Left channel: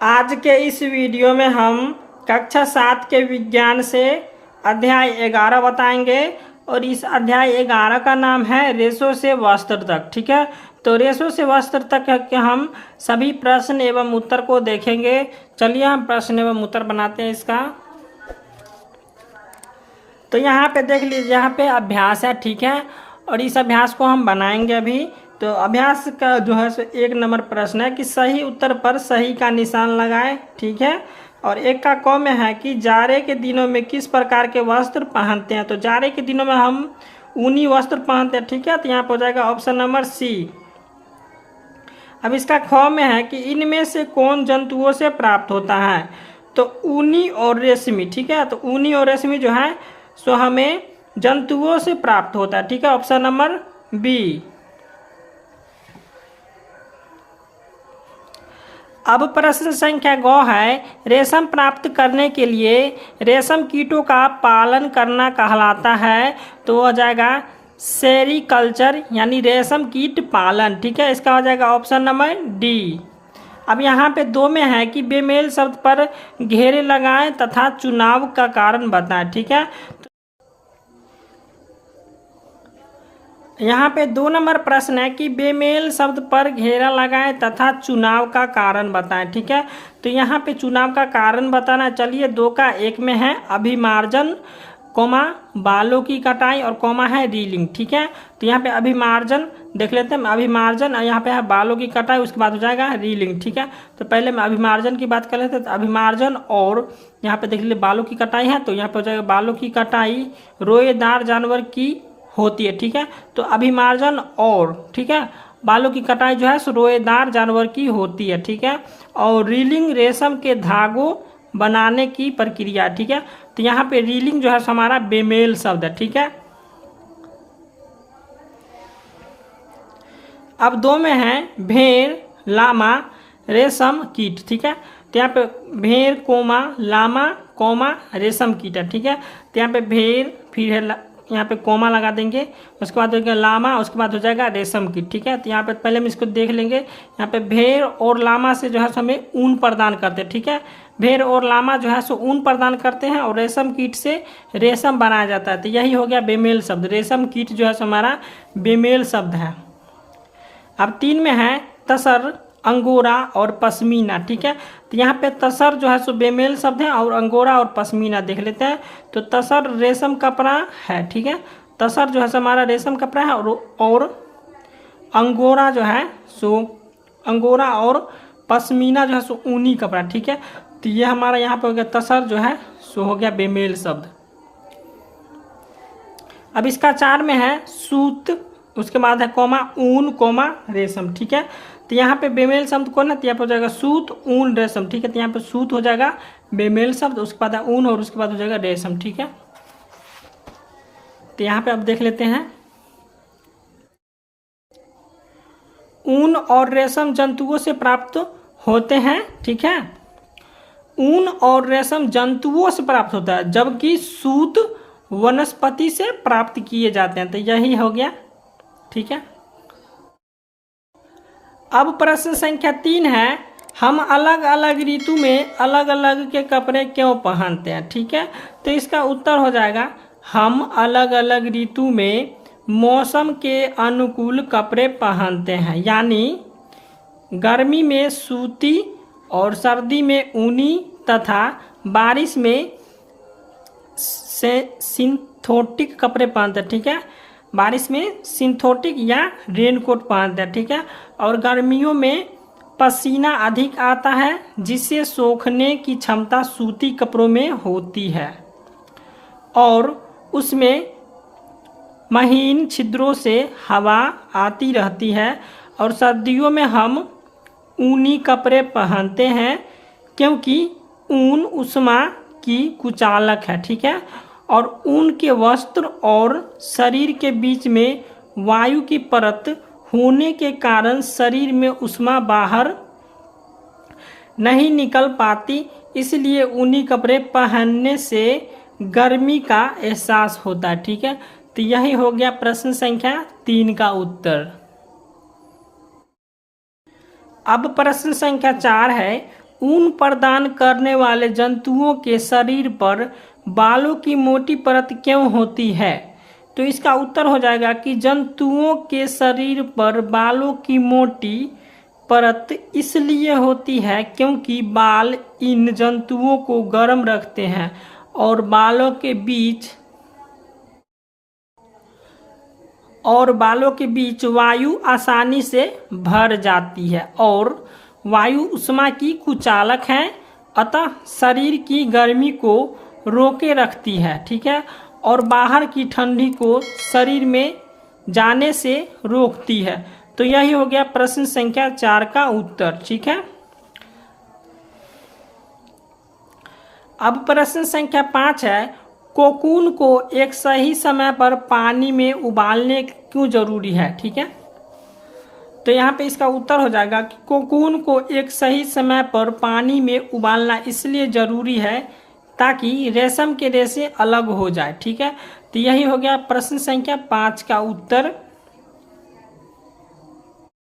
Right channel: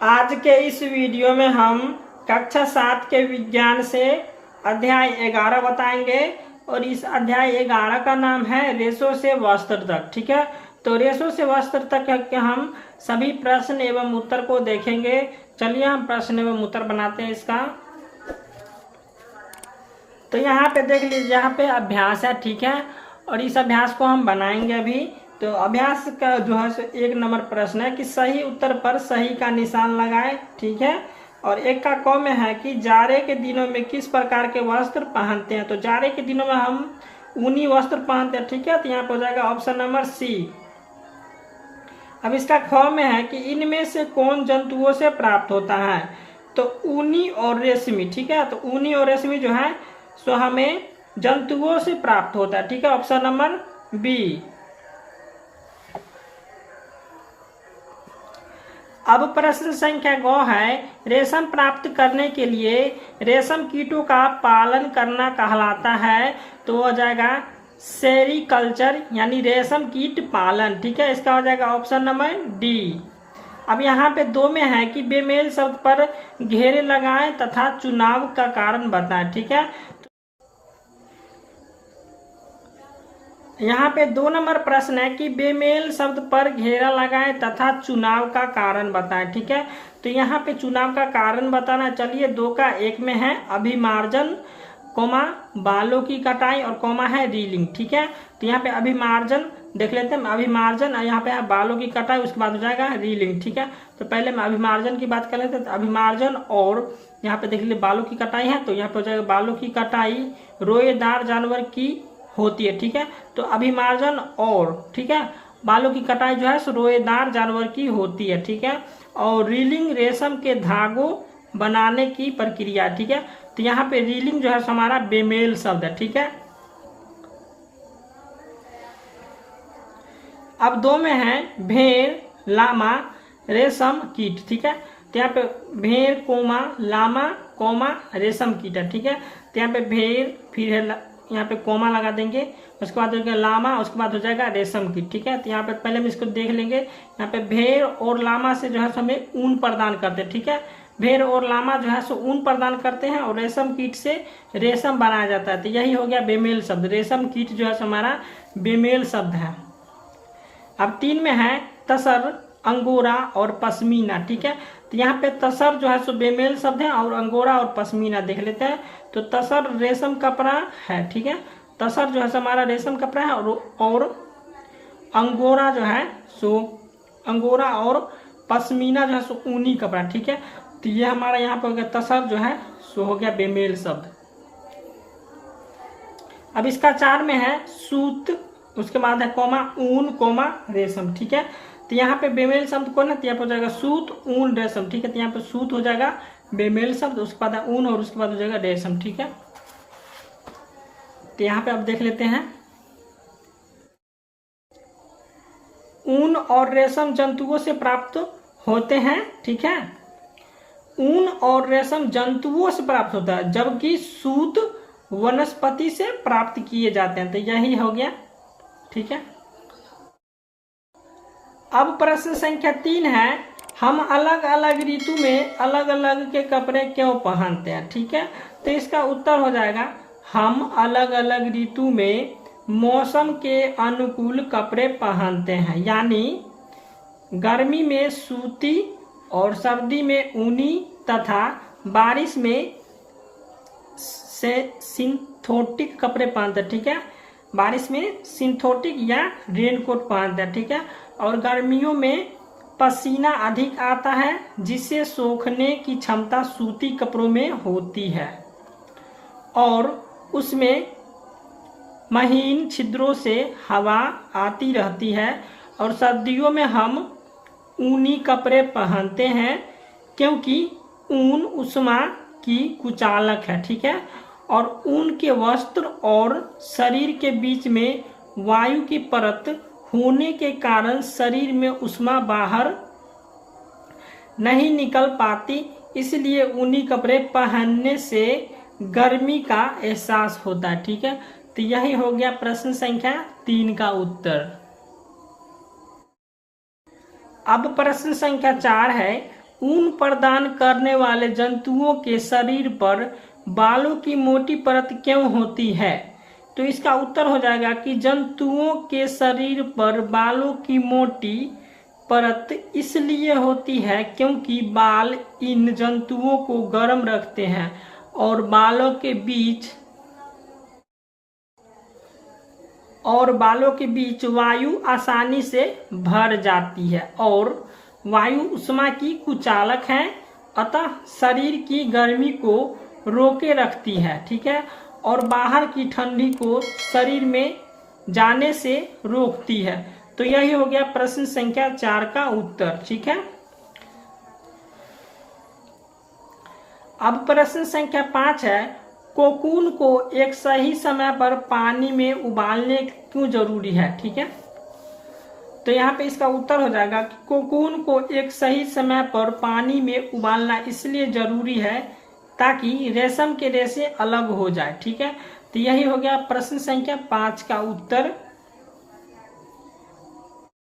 आज के इस वीडियो में हम कक्षा 7 के विज्ञान से अध्याय 11 बताएंगे और इस अध्याय 11 का नाम है रेशों से वस्त्र तक। ठीक है, तो रेशों से वस्त्र तक के हम सभी प्रश्न एवं उत्तर को देखेंगे। चलिए हम प्रश्न एवं उत्तर बनाते हैं इसका। तो यहाँ पे देख लीजिए, यहाँ पे अभ्यास है। ठीक है, और इस अभ्यास को हम बनाएंगे अभी। तो अभ्यास का जो है 1 नंबर प्रश्न है कि सही उत्तर पर सही का निशान लगाएं। ठीक है, और एक का क में है कि जाड़े के दिनों में किस प्रकार के वस्त्र पहनते हैं। तो जाड़े के दिनों में हम ऊनी वस्त्र पहनते हैं। ठीक है, तो यहाँ पर हो जाएगा ऑप्शन नंबर सी। अब इसका ख में है कि इनमें से कौन जंतुओं से प्राप्त होता है। तो ऊनी और रेशमी। ठीक है, तो ऊनी और रेशमी जो है सो हमें जंतुओं से प्राप्त होता है। ठीक है, ऑप्शन नंबर बी। अब प्रश्न संख्या ग है, रेशम प्राप्त करने के लिए रेशम कीटों का पालन करना कहलाता है। तो हो जाएगा सेरीकल्चर यानी रेशम कीट पालन। ठीक है, इसका हो जाएगा ऑप्शन नंबर डी। अब यहाँ पे 2 में है कि बेमेल शब्द पर घेरे लगाएं तथा चुनाव का कारण बताएं। ठीक है, यहाँ पे 2 नंबर प्रश्न है कि बेमेल शब्द पर घेरा लगाएं तथा चुनाव का कारण बताएं। ठीक है, तो यहाँ पे चुनाव का कारण बताना। चलिए 2 का 1 में है अभिमार्जन कोमा बालों की कटाई और कोमा है रीलिंग। ठीक है, तो यहाँ पे अभिमार्जन देख लेते हैं। अभिमार्जन और यहाँ पे है बालों की कटाई, उसके बाद हो जाएगा रीलिंग। ठीक है, तो पहले मैं अभिमार्जन की बात कर लेते हैं। तो अभिमार्जन और यहाँ पे देख लीजिए बालों की कटाई है, तो यहाँ पे हो जाएगा बालों की कटाई रोएदार जानवर की होती है। ठीक है, तो अभिमार्जन और ठीक है बालों की कटाई जो है रोएदार जानवर की होती है। ठीक है, और रीलिंग रेशम के धागों बनाने की प्रक्रिया। ठीक है, तो यहाँ पे रीलिंग जो है हमारा बेमेल शब्द है। ठीक है, अब 2 में है भेड़ लामा रेशम कीट। ठीक है, तो यहाँ पे भेड़ कोमा लामा कोमा रेशम कीट है। ठीक है, तो यहाँ पे भेड़ फिर है यहाँ पे कोमा लगा देंगे, उसके बाद हो जाएगा लामा, उसके बाद हो जाएगा रेशम कीट। ठीक है, तो यहाँ पे पहले हम इसको देख लेंगे। यहाँ पे भेड़ और लामा से जो है हमें ऊन प्रदान करते हैं। ठीक है, भेड़ और लामा जो है सो ऊन प्रदान करते हैं और रेशम कीट से रेशम बनाया जाता है। तो यही हो गया बेमेल शब्द। रेशम कीट जो है हमारा बेमेल शब्द है। अब 3 में है तसर अंगोरा और पश्मीना। ठीक है, तो यहाँ पे तसर जो है सो बेमेल शब्द है और अंगोरा और पश्मीना देख लेते हैं। तो तसर रेशम कपड़ा है। ठीक है, तसर जो है हमारा रेशम कपड़ा है और अंगोरा जो है सो अंगोरा और पश्मीना जो है सो ऊनी कपड़ा। ठीक है, तो ये हमारा यहाँ पे हो गया तसर जो है सो हो गया बेमेल शब्द। अब इसका 4 में है सूत, उसके बाद है कोमा ऊन कोमा रेशम। ठीक है, तो यहाँ पे बेमेल शब्द कौन है, तो यहाँ पे हो जाएगा सूत ऊन रेशम। ठीक है, तो यहाँ पे सूत हो जाएगा बेमेल शब्द, उसके बाद ऊन और उसके बाद हो जाएगा रेशम। ठीक है, तो यहाँ पे अब देख लेते हैं ऊन और रेशम जंतुओं से प्राप्त होते हैं। ठीक है, ऊन और रेशम जंतुओं से प्राप्त होता है, जबकि सूत वनस्पति से प्राप्त किए जाते हैं। तो यही हो गया। ठीक है, अब प्रश्न संख्या 3 है, हम अलग अलग ऋतु में अलग अलग के कपड़े क्यों पहनते हैं। ठीक है, तो इसका उत्तर हो जाएगा हम अलग अलग ऋतु में मौसम के अनुकूल कपड़े पहनते हैं। यानी गर्मी में सूती और सर्दी में ऊनी तथा बारिश में सिंथेटिक कपड़े पहनते हैं। ठीक है, बारिश में सिंथेटिक या रेनकोट पहनते हैं। ठीक है, और गर्मियों में पसीना अधिक आता है जिससे सोखने की क्षमता सूती कपड़ों में होती है और उसमें महीन छिद्रों से हवा आती रहती है। और सर्दियों में हम ऊनी कपड़े पहनते हैं क्योंकि ऊन ऊष्मा की कुचालक है। ठीक है, और ऊन के वस्त्र और शरीर के बीच में वायु की परत होने के कारण शरीर में ऊष्मा बाहर नहीं निकल पाती, इसलिए ऊनी कपड़े पहनने से गर्मी का एहसास होता है। ठीक है, तो यही हो गया प्रश्न संख्या 3 का उत्तर। अब प्रश्न संख्या 4 है, ऊन प्रदान करने वाले जंतुओं के शरीर पर बालों की मोटी परत क्यों होती है? तो इसका उत्तर हो जाएगा कि जंतुओं के शरीर पर बालों की मोटी परत इसलिए होती है क्योंकि बाल इन जंतुओं को गर्म रखते हैं और बालों के बीच वायु आसानी से भर जाती है और वायु उष्मा की कुचालक है, अतः शरीर की गर्मी को रोके रखती है, ठीक है, और बाहर की ठंडी को शरीर में जाने से रोकती है। तो यही हो गया प्रश्न संख्या 4 का उत्तर, ठीक है। अब प्रश्न संख्या 5 है, कोकून को एक सही समय पर पानी में उबालने क्यों जरूरी है? ठीक है, तो यहाँ पे इसका उत्तर हो जाएगा कि कोकून को एक सही समय पर पानी में उबालना इसलिए जरूरी है ताकि रेशम के रेशे अलग हो जाए, ठीक है। तो यही हो गया प्रश्न संख्या 5 का उत्तर।